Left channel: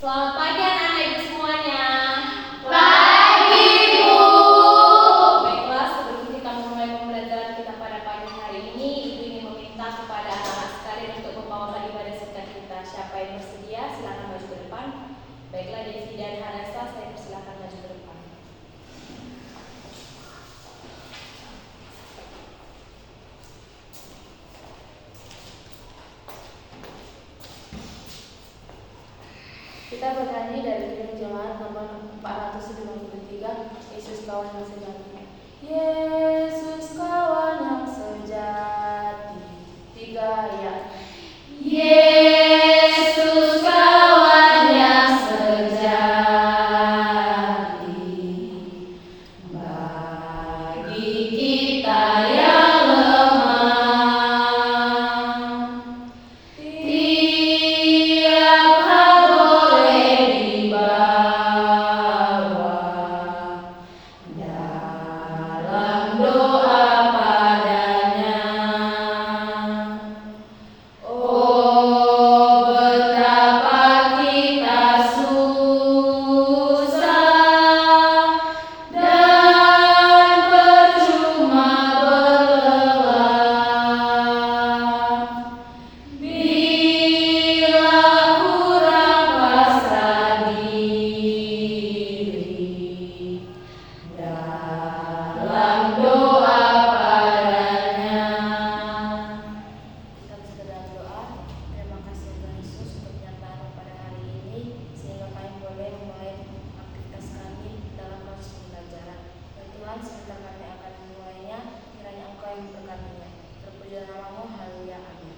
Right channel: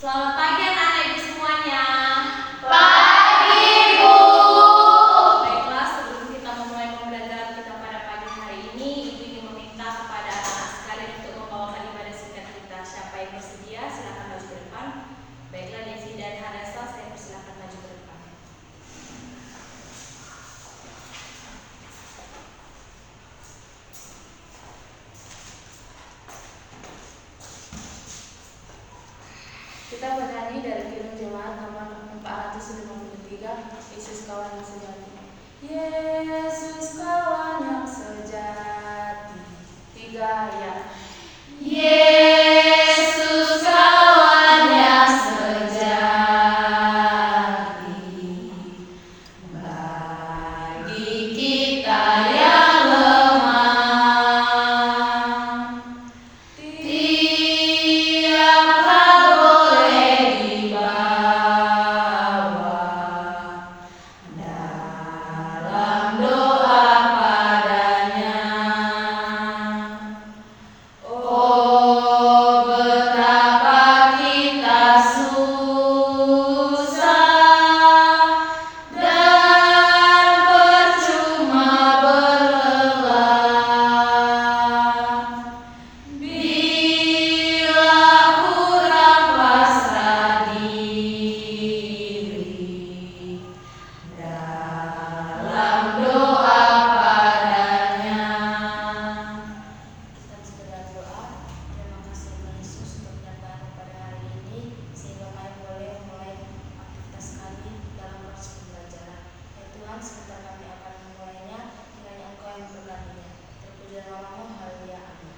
Selamat pagi anak-anak ibu semuanya. Pagi, Bu. Baiklah, sebelum kita memulai pembelajaran kita pada pagi hari ini, Ibu ingin meminta kepada anak-anak sekalian untuk membawakan ibadah singkat kita. Siapa yang bersedia, silakan maju ke depan. Baiklah, Devi dan Hadasa, saya persilakan maju ke depan. Kita bernyanyi dari film Jemaat nomor 453, Yesus kawan yang sejati. Yesus kawan yang sejati. 3 ayat. Yesus kawan yang sejati, bagi kita yang lemah, tiap hal boleh dibawa dalam doa padanya. Oh, betapa kita susah dan percuma berlelah bila kurang pasrah diri dalam doa padanya. Kita segera doa. Terima kasih Tuhan Yesus untuk penyertaan pada hari ini, sehingga kami boleh memulai aktivitas kami dalam proses pembelajaran. Dan Tuhan, sebentar kami akan memulainya, kiranya Engkau yang memberkatinya. Terpujilah namamu, haleluya, amin.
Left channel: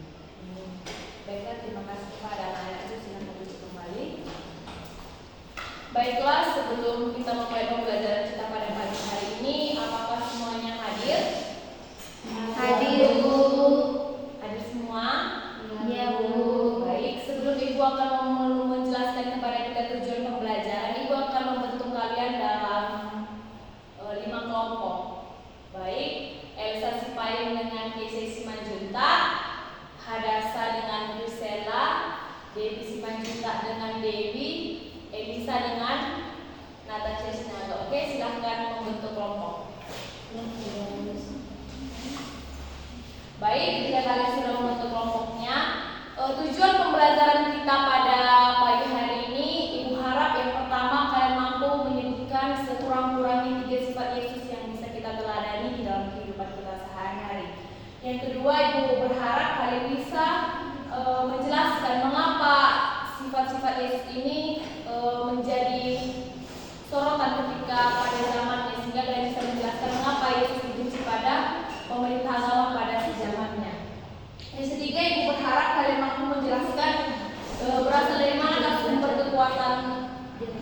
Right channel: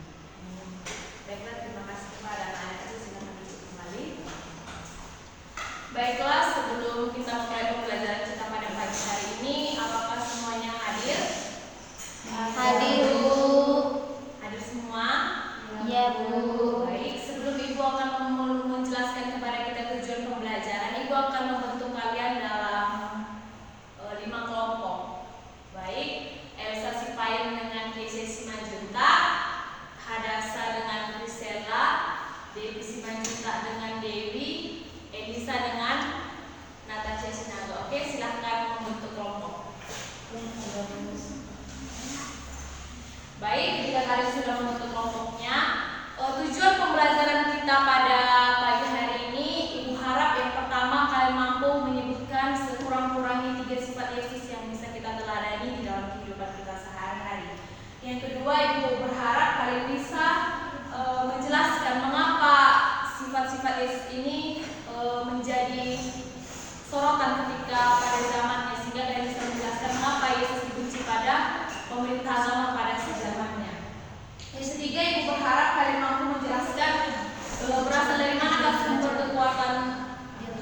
Baiklah, terima kasih kepada anak-anak itu, silakan duduk kembali. Baiklah, sebelum kita memulai pembelajaran kita pada pagi hari ini, apakah semuanya hadir? Hadir, Bu. Hadir semua? Iya, Bu. Baik, sebelum Ibu akan menjelaskan kepada kita tujuan pembelajaran, Ibu akan membentuk kalian dalam 5 kelompok. Baik, Elsa Sipayung dengan Keisha Simanjunta, Hadasa dengan Priscilla, Devi Simanjunta dengan Dewi, Elisa dengan Natasha Sinaga. Oke, silahkan membentuk kelompok. Baik, jika kalian sudah membentuk kelompoknya, tujuan pembelajaran kita pada pagi hari ini, Ibu harap yang pertama kalian mampu menyebutkan sekurang-kurangnya 3 sifat Yesus yang bisa kita teladani di dalam kehidupan kita sehari-hari. Yang kedua, Ibu berharap kalian bisa menjelaskan mengapa sifat-sifat Yesus ini menjadi sorotan ketika pada zamannya, sehingga kalian bisa menjelaskan mengapa Yesus dibenci pada pemerintah agama pada sejamannya. Yang ketiga, Ibu berharap kalian mampu menjelaskan berasal dari mana sumber kekuatan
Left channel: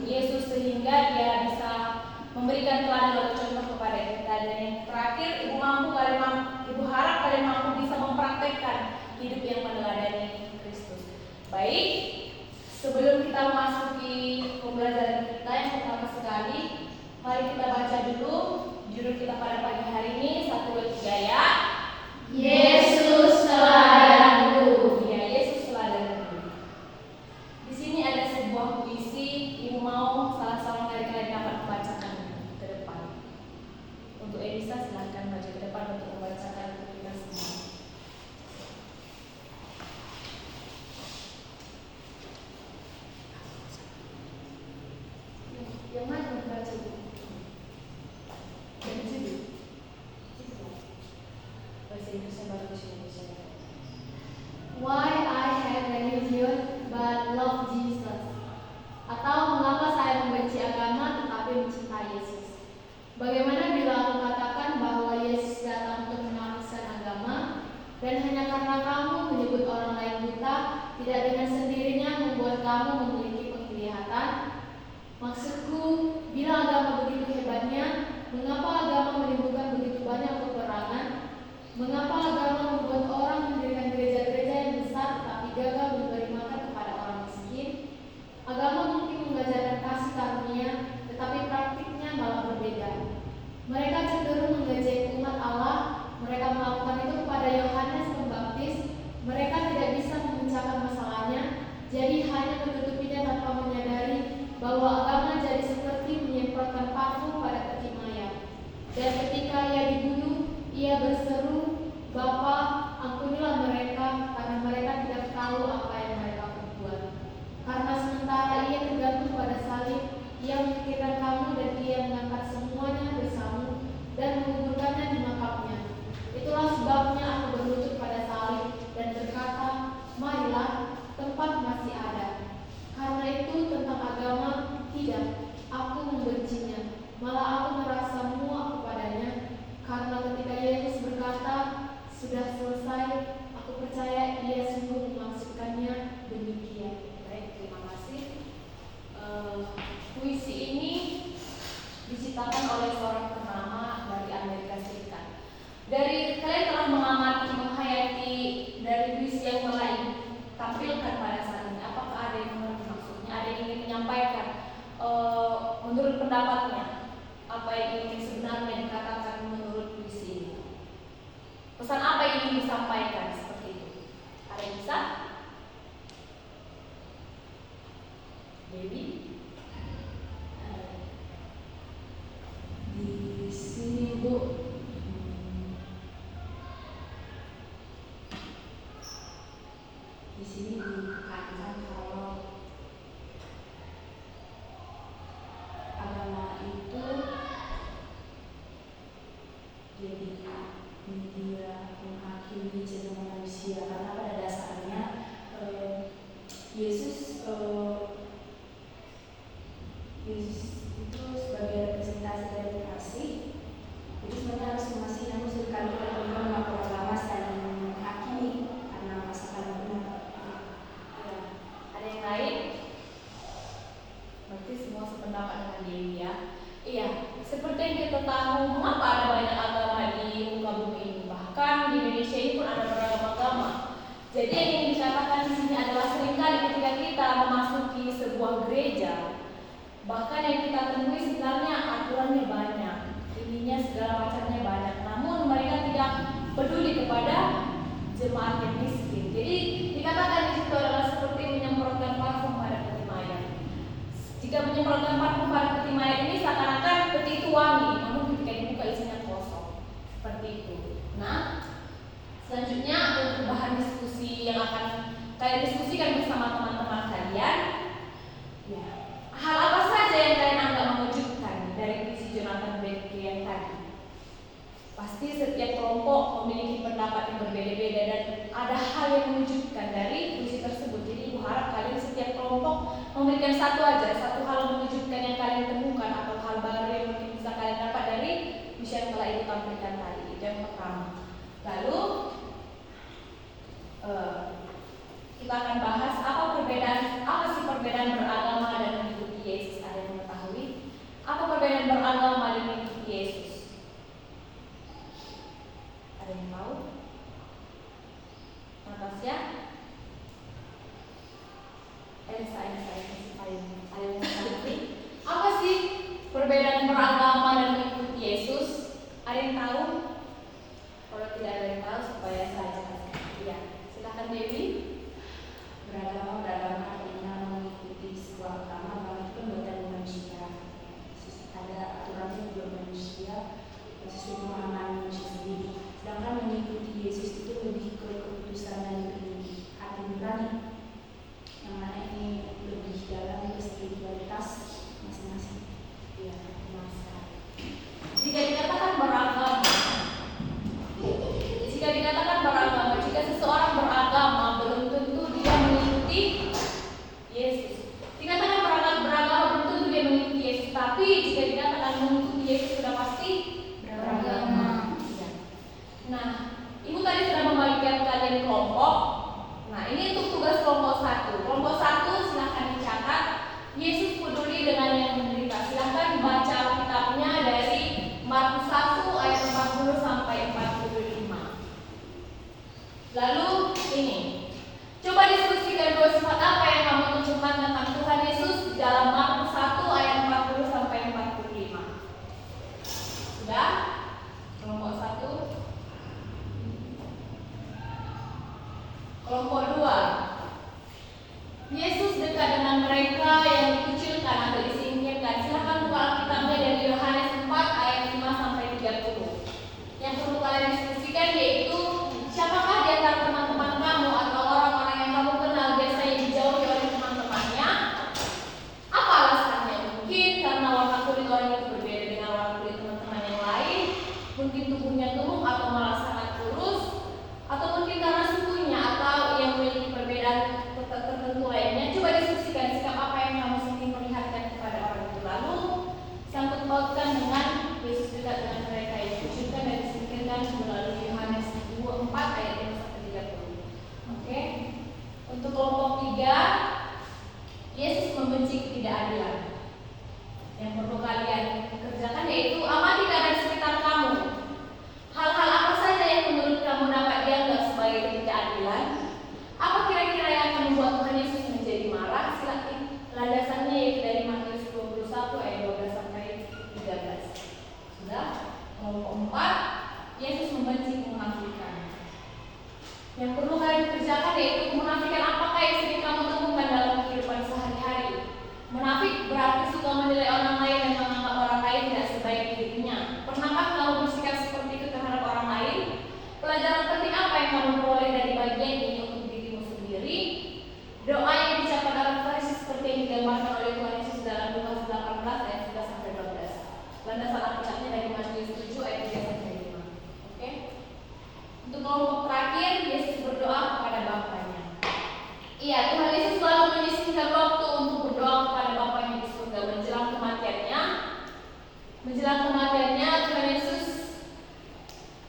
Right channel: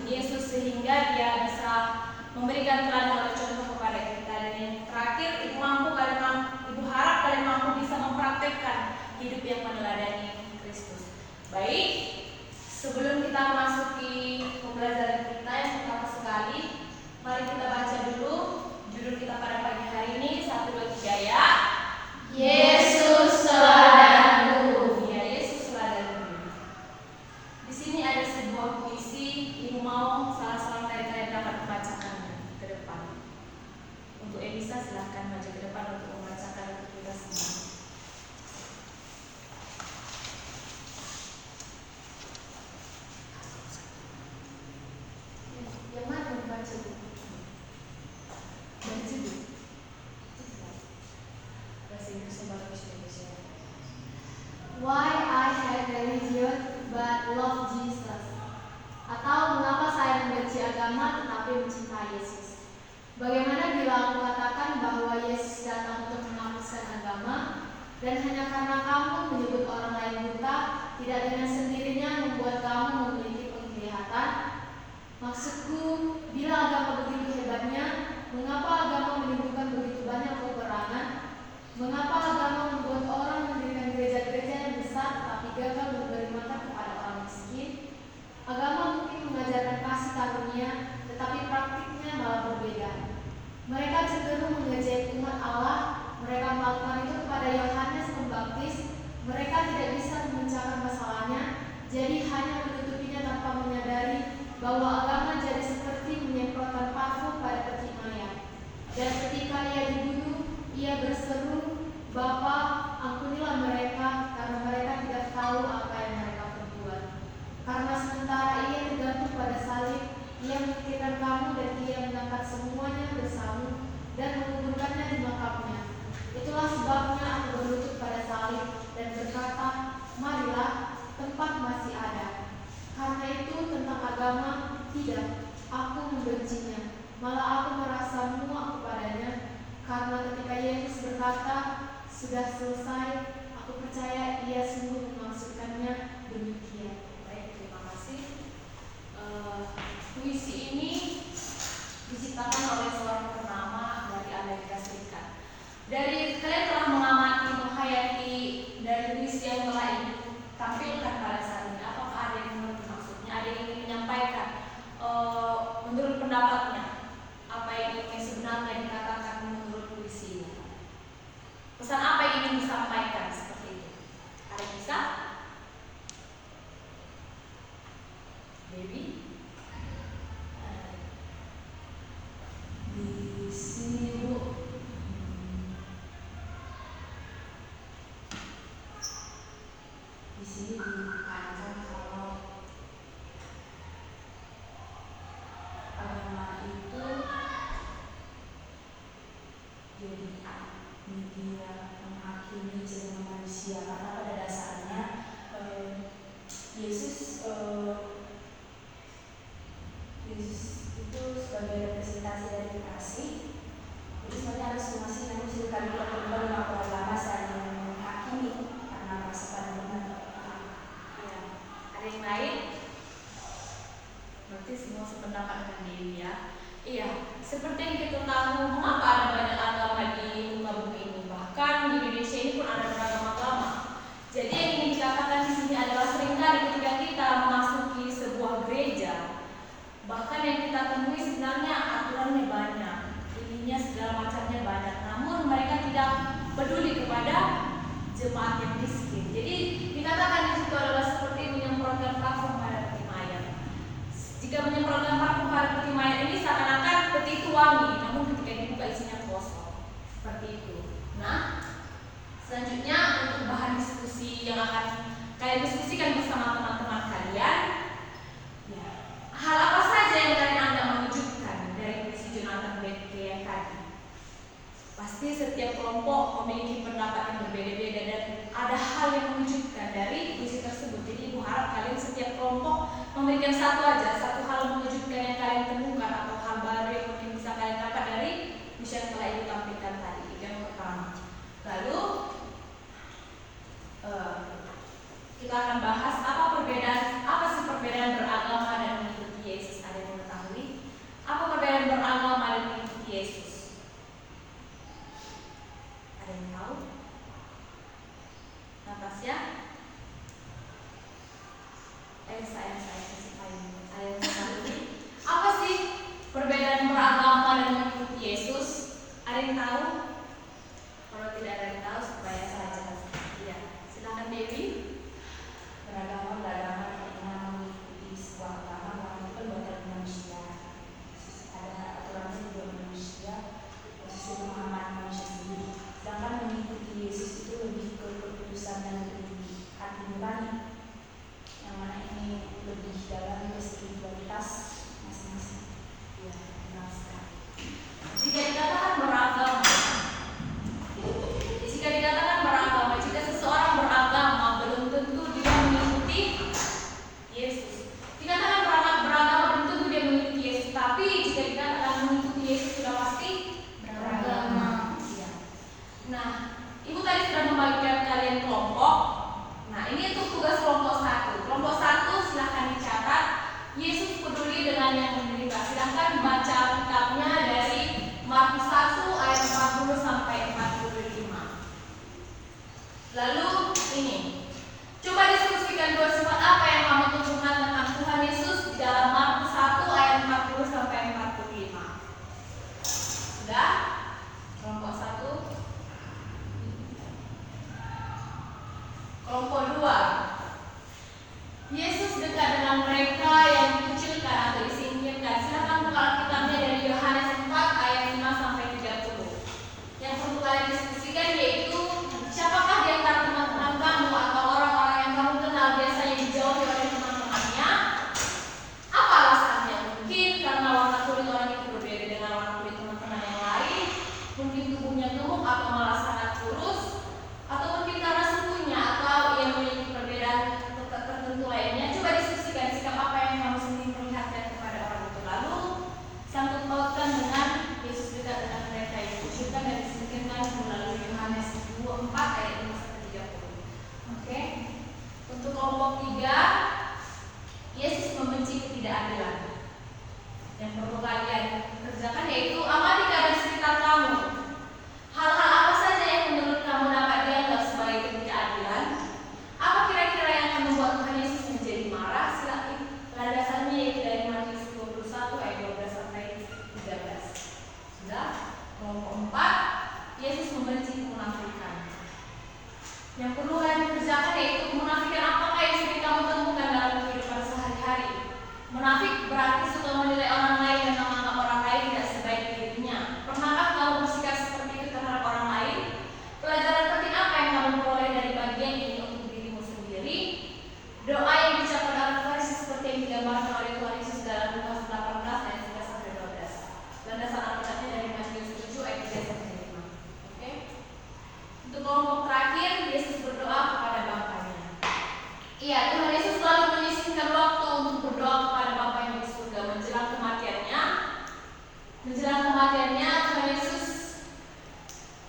Yesus sehingga dia bisa memberikan teladan atau contoh kepada kita. Dan yang terakhir, Ibu harap kalian mampu bisa mempraktekkan hidup yang meneladani Kristus. Baik, sebelum kita memasuki pembelajaran kita yang pertama sekali, mari kita baca dulu judul kita pada pagi hari ini. 1, 2, 3 ya. Yesus teladanku. Ya, Yesus teladanku. Di sini ada sebuah puisi. Ibu mau salah seorang dari kalian dapat membacakan ke depan. Untuk Elisa, silahkan maju ke depan untuk membacakan untuk kita semua. Yang mana membaca itu? Dari judul. Bahasa Inggris sama bahasa Indonesia. Why I hate religion but love Jesus? Atau mengapa saya membenci agama tetapi mencintai Yesus? Bagaimana bila aku katakan bahwa Yesus datang untuk menghapuskan agama, dan hanya karena kamu menyebut orang lain buta, tidak dengan sendirinya membuat kamu memiliki penglihatan? Maksudku, bila agama begitu hebatnya, mengapa agama menimbulkan begitu banyak peperangan? Mengapa agama membuat orang mendirikan gereja-gereja yang besar tetapi gagal memberi makan kepada orang miskin? Agama mungkin mengajarkan kasih karunia, tetapi praktiknya malah berbeda. Mereka cenderung mengejek umat Allah. Mereka melakukan itu kepada Yohanes Pembaptis. Mereka tidak bisa memecahkan masalahnya, jadi hanya menutupi Dan ketika ia dibunuh, ia berseru, "Bapa, ampunilah mereka, karena mereka tidak tahu apa yang mereka perbuat." Karena sementara ia tergantung pada salib, ia memikirkan kamu dan ia mengangkat semuanya bersama dan menguburkannya di makamnya. Itulah sebabnya aku berlutut pada salib dan berkata, "Marilah, tempat masih ada." Karena itu tentang agama, tidak, aku membencinya. Malah aku merasa muak kepadanya. Karena ketika Yesus berkata, "Sudah selesai," aku percaya ia sungguh memaksudkannya demikian. Baik, terima kasih. Puisi ini diciptakan oleh seorang ternama dari Amerika Serikat. Dari kalian telah mengamati, menghayati dari puisi yang telah ditampilkan pada saat ini. Apakah ada yang mengerti maksudnya? Ada yang ingin menyampaikan menurut pendapatnya apa yang ingin sebenarnya dikatakan menurut puisi ini? Pesan apa yang ingin disampaikan seperti itu? Ada yang bisa? Dewi? Di sini Bu, di sini ditekankan kalau agama itu jadi media menghakimi semua manusia, karena pada dasarnya Yesus itu sebagai representasi dari kasih. Jadi sebenarnya harus masih namun sekali perempuan melakukan laras dan menghakimi karena merasakan benar. Ya. Ada yang lain? Berarti semua sependapat dengan Dewi ya. Iya, seperti yang kita tahu, mengapa ada banyak agama di muka bumi ini. Bahkan di Indonesia ini pun ada beragam agama. Jadi yang ingin dikatakan di sini adalah seringkali ketika kita memasuki sebuah gereja, bahkan yang kita temui sebenarnya aturannya banyak, ininya segala macamnya banyak. Namun mereka tidak peduli kepada jemaat yang miskin. Jadi dikatakan di situ adalah seperti menyemprotkan parfum pada peti mayat. Jika menyemprotkan parfum pada peti mayat ini seakan-akan peti itu wangi, namun ketika dibuka isinya kosong. Seperti itu. Nah, selanjutnya untuk bahan diskusi yang akan kalian diskusikan bersama teman-teman kalian, ya, hal apa saja yang kalian anggap mengejutkan dari puisi Jonathan Bethke yang tadi? Pasti setiap kelompok memiliki pendapat yang berbeda-beda dan ada hal yang mengejutkan dari puisi tersebut. Jadi ibu harap kalian setiap kelompok memberikan satu hal mengejutkan yang kalian temukan atau hal baru yang mungkin bisa kalian dapat dari puisi yang telah ibu tampilkan tadi. Itu yang pertama. Lalu kita akan bahas apa sih perbedaan beragama dan mengikuti Yesus. Ada yang mengetahui apa perbedaan beragama dan mengikuti Yesus? Ada yang tahu? Natasha? Elsa kasih payung. Ada yang mengetahui apa sih perbedaan beragama dan mengikuti Yesus? Ada yang tahu? Kalau tidak ada yang tahu supaya saya jelaskan. Iya, silakan Dewi. beragama artinya mengikuti sebuah agama walaupun bukan manusia. Ada aturannya juga manusia, posisi memahami manusia sendiri. Sedangkan mengikuti Yesus itu lebih ke keputusan dan hati nurani, yang mana ini lebih dalam ke spiritualitas masing-masing. Iya, benar sekali. Jika dikatakan beragama, jika seseorang beragama belum tentu dia mengikuti Yesus. Dikatakan beragama belum tentu dia mengikuti Yesus, tapi jika dikatakan mengikuti Yesus sudah pasti beragama. Iya. Nah, ibu tadi sudah membagikan kalian kelompok. Nah, ini untuk tugas kelompok 1. Kelompok 1 silahkan dicatat. Yesus peduli dengan yang menderita. Silahkan baca kitabnya dari Markus 1 ayat 40 sampai 45. Lalu ini, coba diskusikan dua sifat apa yang kamu tunjukkan tentang Tuhan Yesus di dalam Markus 1 ayat 40 sampai 45. Sudah? Kelompok 1. Kelompok 2. Yesus dekat dengan mereka yang dikucilkan atau disingkirkan. Silakan buka kitabnya dari Yohanes 4 ayat 5 sampai 13. membenci ketidakadilan. Yang perlu kalian kerjakan yaitu amati keadaan sekitar kamu. Hal-hal apa saja yang menurut kamu dapat dianggap sebagai ketidakadilan? Apa kira-kira yang akan membuat Tuhan Yesus menjadi marah? Silakan landasannya yaitu dari Matius 21 ayat 12 sampai 13. Sudah? Kelompok 4, Yesus membenci kemunafikan. Yang perlu kalian kerjakan yaitu kemunafikan apakah yang sering kamu temukan dalam kehidupan sehari-hari. Munafik berarti suka menilai orang lain dan menganggap orang lain tidak sebaik dirinya. Pernahkah kamu bersikap seperti itu terhadap orang lain? Pelajaran penting apa yang kamu peroleh dari bagian ini untuk dirimu sendiri? Doa yang diucapkan oleh Farisi seperti yang digambarkan oleh Tuhan Yesus dalam Lukas 18 ayat 11 sampai 12. Landasan Alkitabnya dari Matius 7 ayat 3 sampai 5. Oke? Untuk kelompok terakhir, Yesus berdoa kepada Bapaknya. Iya, Tuhan Yesus selalu menyisihkan waktu untuk berdoa kepada Bapaknya di surga menjelang kematiannya. Tuhan Yesus,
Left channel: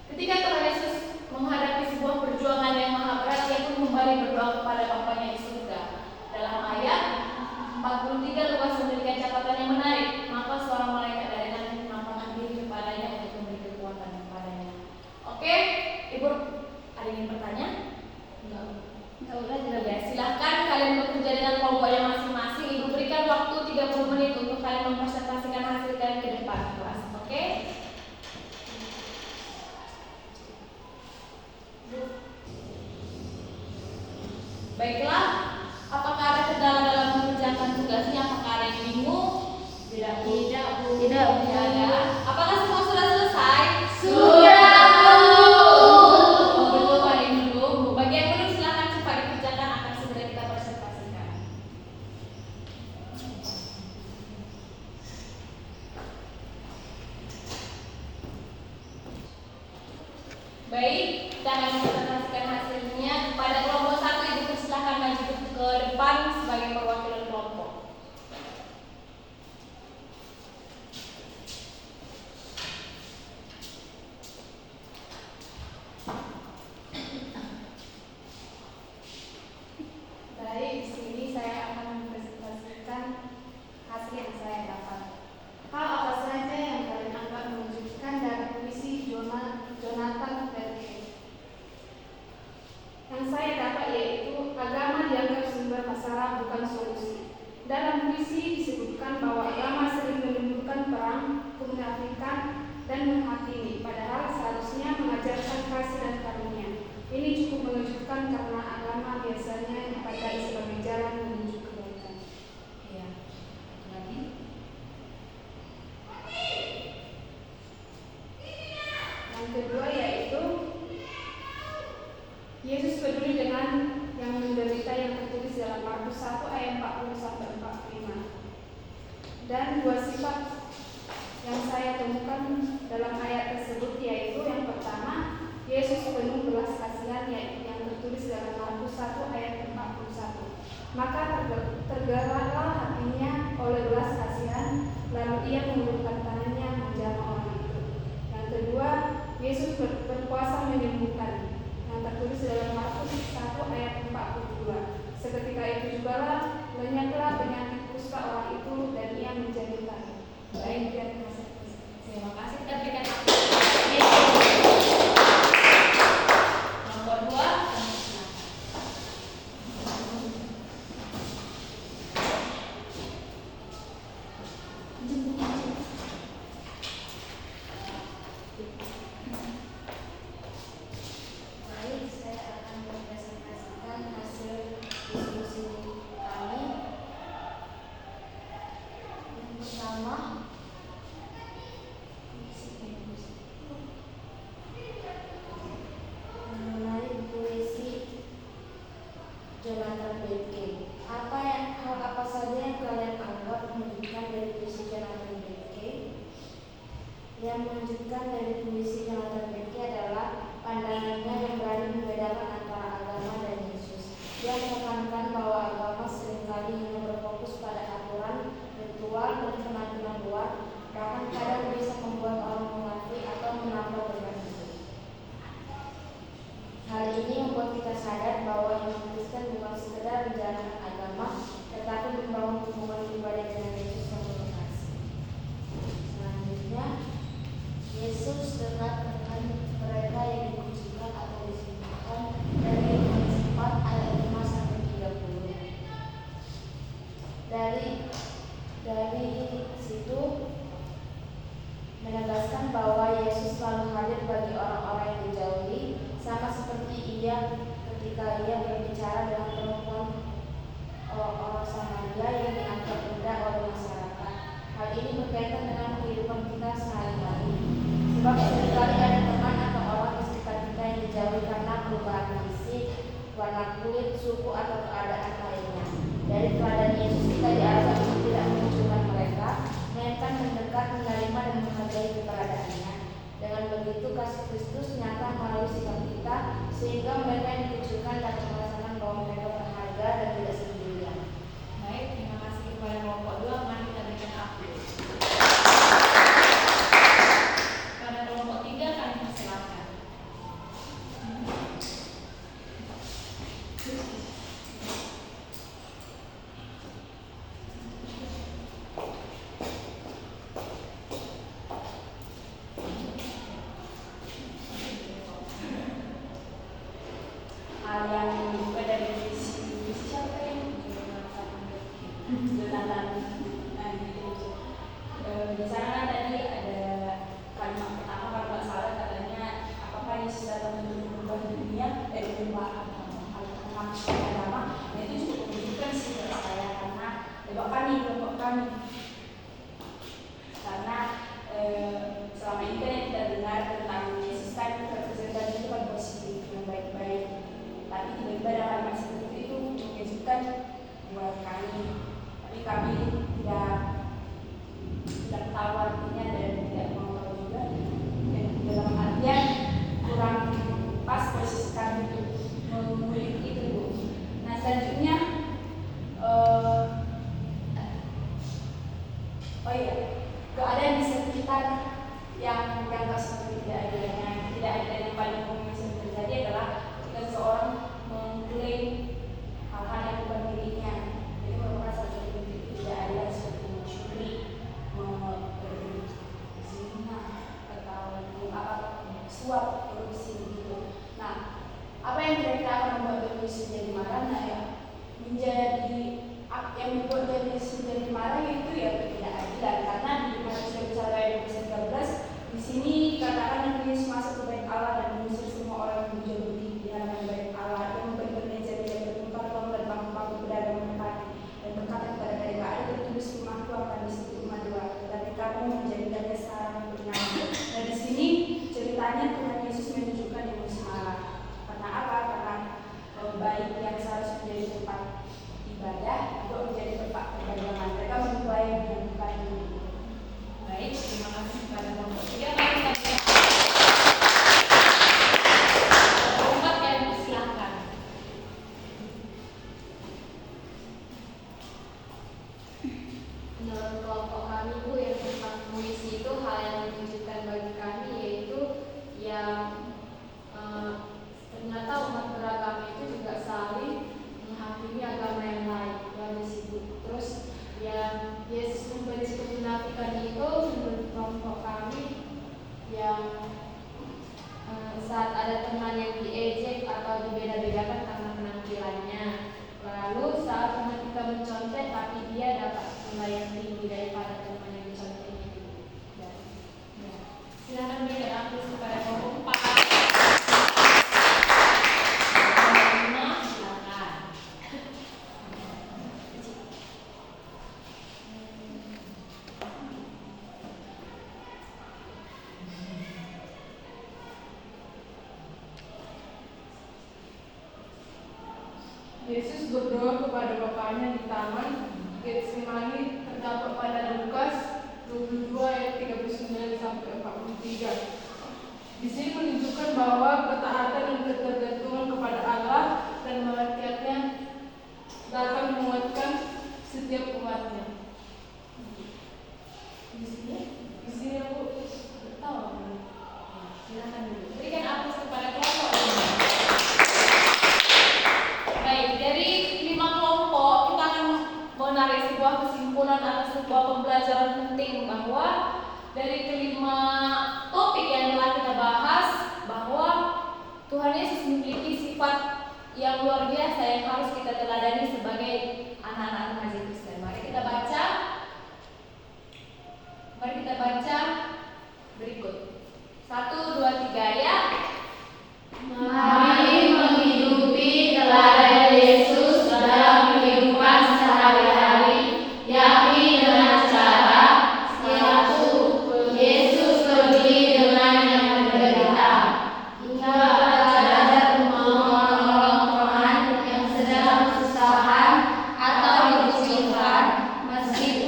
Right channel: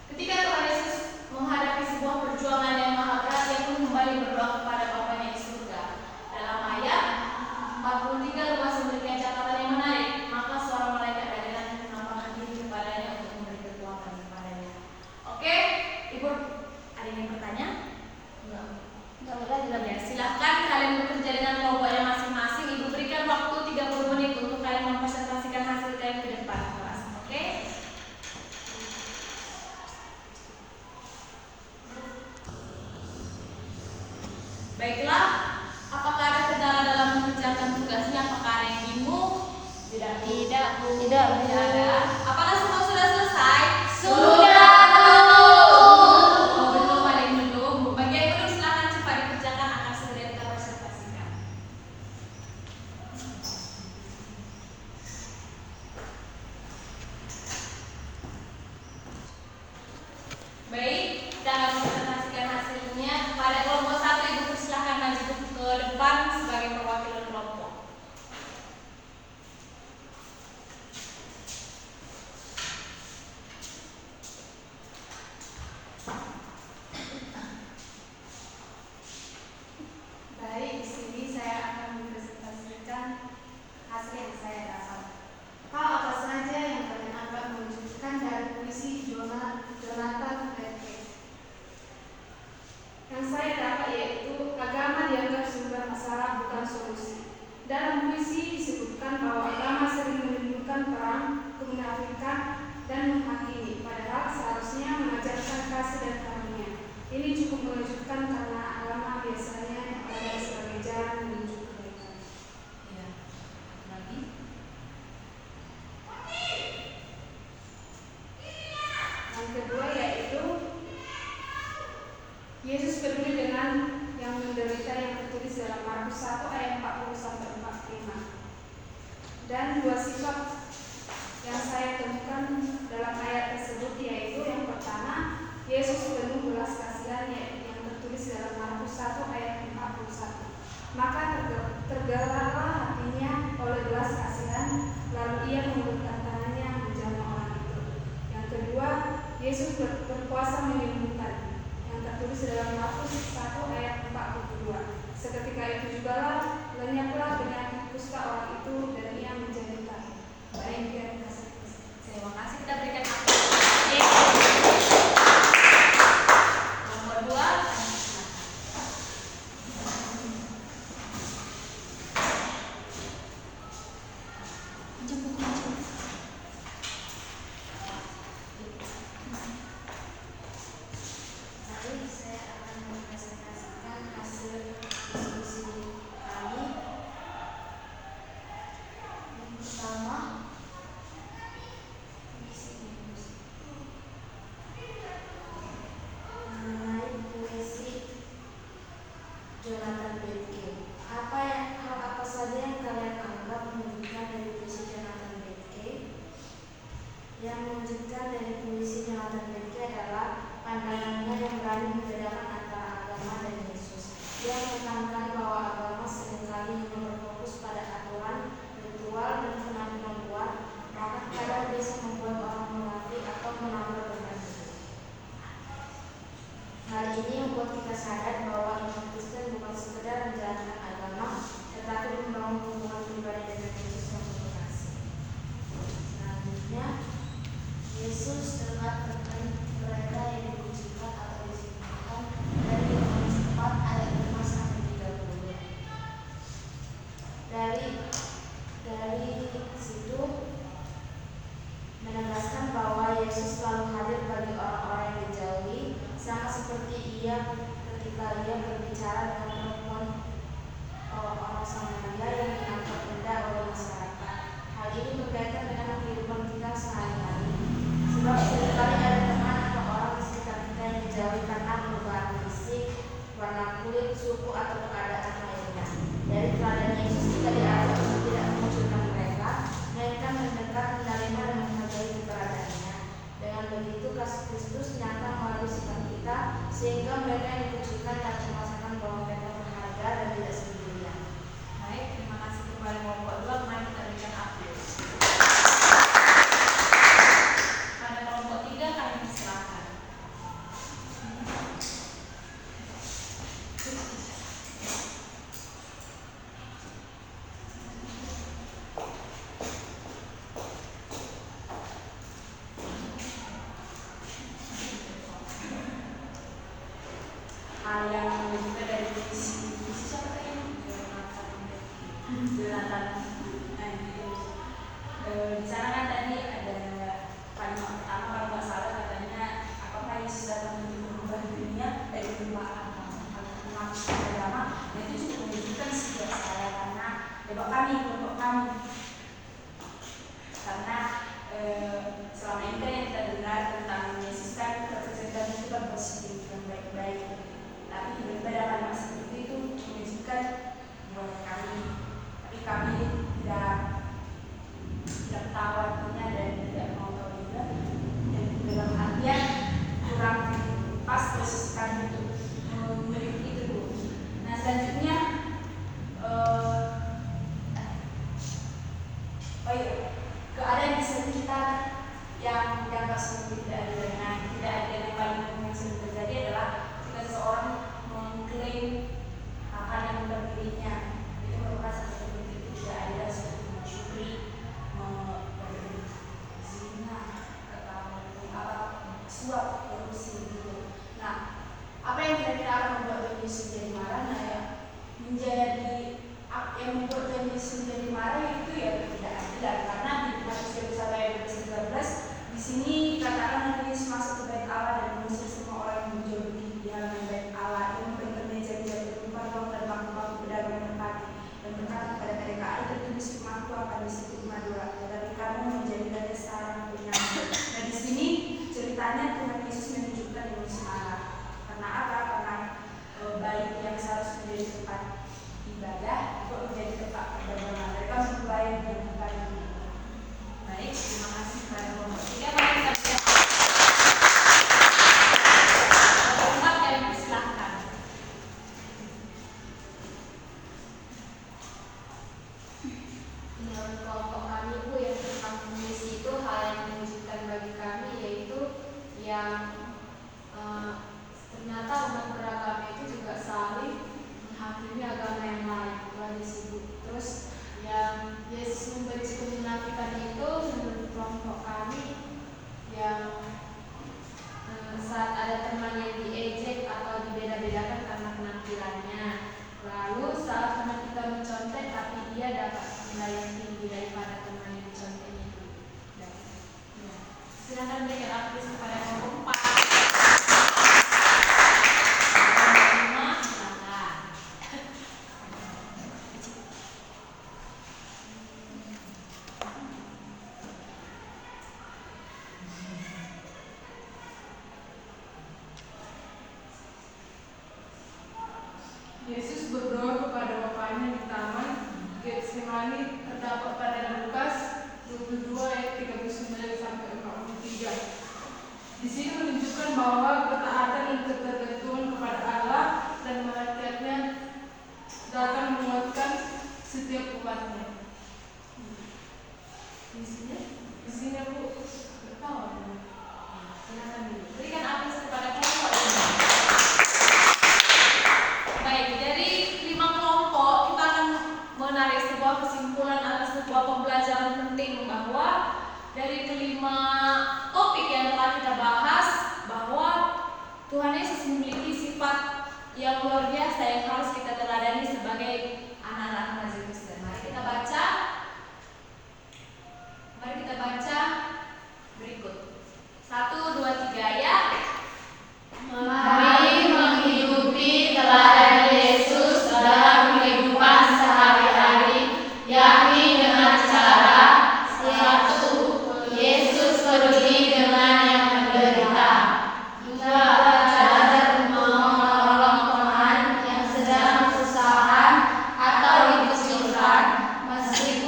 ketika Tuhan Yesus menghadapi sebuah perjuangan yang maha berat, dia pun kembali berdoa kepada Bapaknya di surga. Dalam ayat 43 Lukas memberikan catatan yang menarik. Maka suara malaikat dari langit menampakkan diri kepadanya untuk memberi kekuatan kepadanya. Oke, Ibu, ada yang bertanya? Ya, silahkan kalian bekerja dengan kelompoknya masing-masing. Ibu berikan waktu 30 menit untuk kalian mempresentasikan hasil kalian ke depan kelas. Oke? Baiklah, apakah ada kendala dalam mengerjakan tugasnya? Apakah ada yang bingung? Tidak. Tidak ada. Apakah semua sudah selesai? Sudah. Oh, belum, ada yang belum. Bagi yang belum silakan cepat dikerjakan, akan segera kita presentasikan. Baik, kita akan mempresentasikan hasilnya. Pada kelompok 1, Ibu persilakan maju ke depan sebagai perwakilan kelompok. Baik, di sini saya akan mempresentasikan hasil yang saya dapat. Apa saja yang kalian anggap menunjukkan dari puisi Jonathan Berger? Yang saya dapat yaitu agama dianggap sumber masalah bukan solusi. Dalam puisi disebutkan bahwa agama sering menimbulkan perang, kemunafikan, dan menghakimi, padahal seharusnya mengajarkan kasih dan karunia. Ini cukup mengejutkan karena agama biasanya dipakai sebagai jalan menuju kebaikan. Ya, lagi. Yang kedua yaitu Yesus peduli dengan yang menderita yang tertulis dalam Markus 1 ayat 40 sampai 45. Dan dua sifat yang saya temukan dalam ayat tersebut yaitu yang pertama, Yesus penuh belas kasihan yang tertulis dalam Markus 1 ayat 41. Maka tergeraklah hatinya oleh belas kasihan, lalu ia mengulurkan tangannya menjamah orang itu. Yang kedua, Yesus berkuasa menyembuhkan yang tertulis dalam Markus 1 ayat 42. Seketika itu jugalah lenyaplah penyakit kusta orang itu dan ia menjadi baik. Baik, dan Terima kasih. Kita berikan apresiasi. Nomor 2. Baik, saya akan mempresentasikan hasil diskusi kami. kelompok 2, mari kita berikan aplaus. Pada kelompok 3 kami persilakan. Hal yang juga dari visi siapa ini? Jonathan. Di sana kan tadi ada kalimat pertama kalau nggak salah katanya apakah Yesus datang untuk mengubah dunia dari perubahan agama. Nah itu cukup menunjukkan sih buat saya karena kelompok kami karena selama ini kan yang kita dengar tentang Yesus kan representasi itu kan positif yang baik-baik, tapi tiba-tiba ada kalimat seperti itu menunjukkan buat kami, tapi kami tidak tahu artinya dan tidak mau tahu juga, yang dalam artian kurang pas posisi kami untuk mengulik itu Bu. Nah selanjutnya keadaan di sekitar yang dianggap seperti tidak ada yang paling umum yang terjadi adalah jika seseorang mengklaim hal yang bukan miliknya, itu merupakan satu bentuk tidak adil seperti mencuri, berzina atau suap korupsi gitu. Nah, apa yang kira-kira akan membuat Yesus jadi marah? Nah ya, yang membuat Yesus jadi marah itu ya ketidakadilan, karena di Matius 21 ayat 13 di sini katakan Yesus masuk ke bait Allah dan mengusir semua orang yang menjual di halaman bait Allah, yang memberikan meja-meja bertempat uang dan bangku-bangku pedagang merpati, dan berkata kepada mereka, ada tertulis rumahku akan di situ rumah doa, tetapi kamu menjadikannya sarang penyamun. Nah di sini ceritanya Tuhan Yesus menunjukkan emosi marah. Karena apa? Karena bait yang seharusnya menjadi tempat ibadah untuk menjadi tempat perdagangan, mereka memulai yang bukan itu. Baik, terima kasih kepada kelompok 3. Mari kita berikan kelompok 4 yang persilahkan. Menurut kelompok kami Bu, yang tentang komunis itu hal yang menunjukkan bagi kami yaitu yang ternyata umat beragama itu juga saling menghakimi agama yang lain. Bagi sibuk terus yang Yesus memberi kemunafikan itu menurut kelompok kami yang saat ada teman yang diejek atau dibeda-bedakan karena penampilannya, lalu saat teman kita mencontek tapi dia dapat nilai yang tinggi daripada teman yang diconteknya itu. Ya. Silakan berikan aplaus kepada kelompok 4. Yesus berdoa kepada Bapaknya di taman Getsemani, terdapat pada Lukas 22 ayat 39 sampai 43. Di sini menunjukkan bahwa ketaatan dan ketergantungan kepada Allah dan malaikatnya dapat menguatkan setiap umatnya. Di sini aku ketawa. Silakan dulu. Berikan aplaus kepada kelompok 5. Baik, dari 5 kelompok kita akan menarik sebuah kesimpulan atau sebuah pembelajaran penting bahwa dari kelima topik yang telah kita bahas bahwa Tuhan Yesus memiliki sifat yang luar biasa yang harus kita teladani sebagai anak-anak remaja Kristen. Mari kita baca berikut. 1, 2, 3 ya. Mari mengikuti teladan Yesus dalam kehidupan sehari-hari, yakni dengan cara 1. Yesus pergi dengan yang menderita. 2. Belajar menolong teman yang sedang kesusahan atau kesulitan, meskipun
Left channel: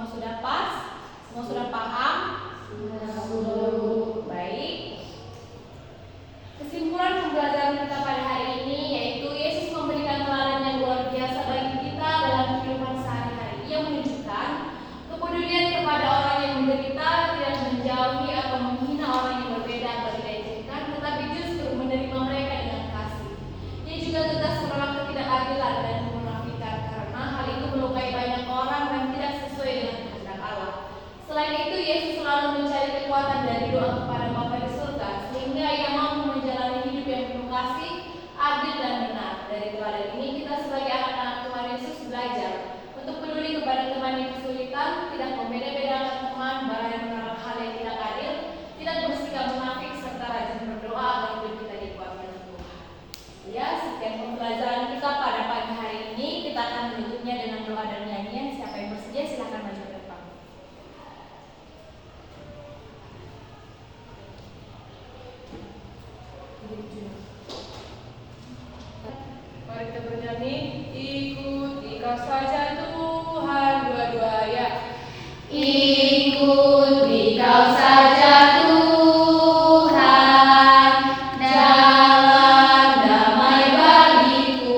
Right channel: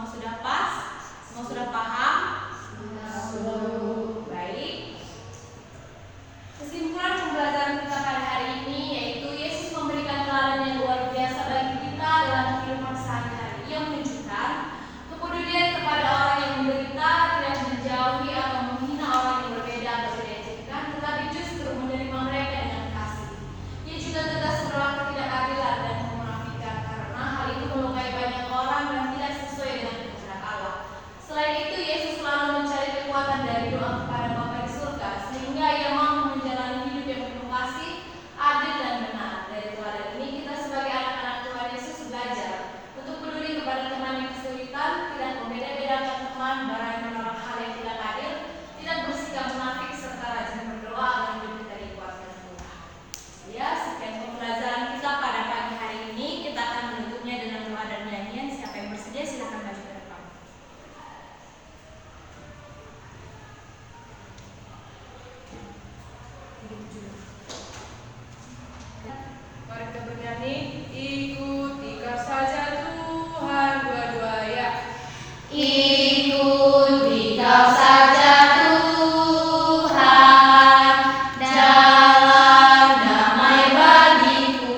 Semua sudah pas? Semua sudah paham? Baik. Kesimpulan pembelajaran kita pada hari ini yaitu Yesus memberikan teladan yang luar biasa bagi kita dalam kehidupan sehari-hari. Ia menunjukkan kepedulian kepada orang yang menderita, tidak menjauhi atau menghina orang yang berbeda atau dilecehkan, tetapi justru menerima mereka dengan kasih. Ia juga tegas menolak ketidakadilan dan kemunafikan karena hal itu melukai banyak orang dan tidak sesuai dengan kehendak Allah. Selain itu, Yesus selalu mencari kekuatan dari doa kepada Bapa di surga sehingga ia mampu menjalani hidup yang penuh kasih, adil dan benar. Dari teladan ini kita sebagai anak-anak Tuhan Yesus belajar untuk peduli kepada teman yang kesulitan, tidak membeda-bedakan teman, barang menolak hal yang tidak adil, tidak bersikap munafik serta rajin berdoa agar hidup kita dikuatkan Tuhan. Ya, sekian pembelajaran kita pada pagi hari ini. Kita akan menutupnya dengan doa dan nyanyian. Siapa yang bersedia silakan maju ke depan. Mari kita bernyanyi, ikuti kau saja Tuhan, dua-dua ya. Ikuti kau saja Tuhan, jalan damai bagiku.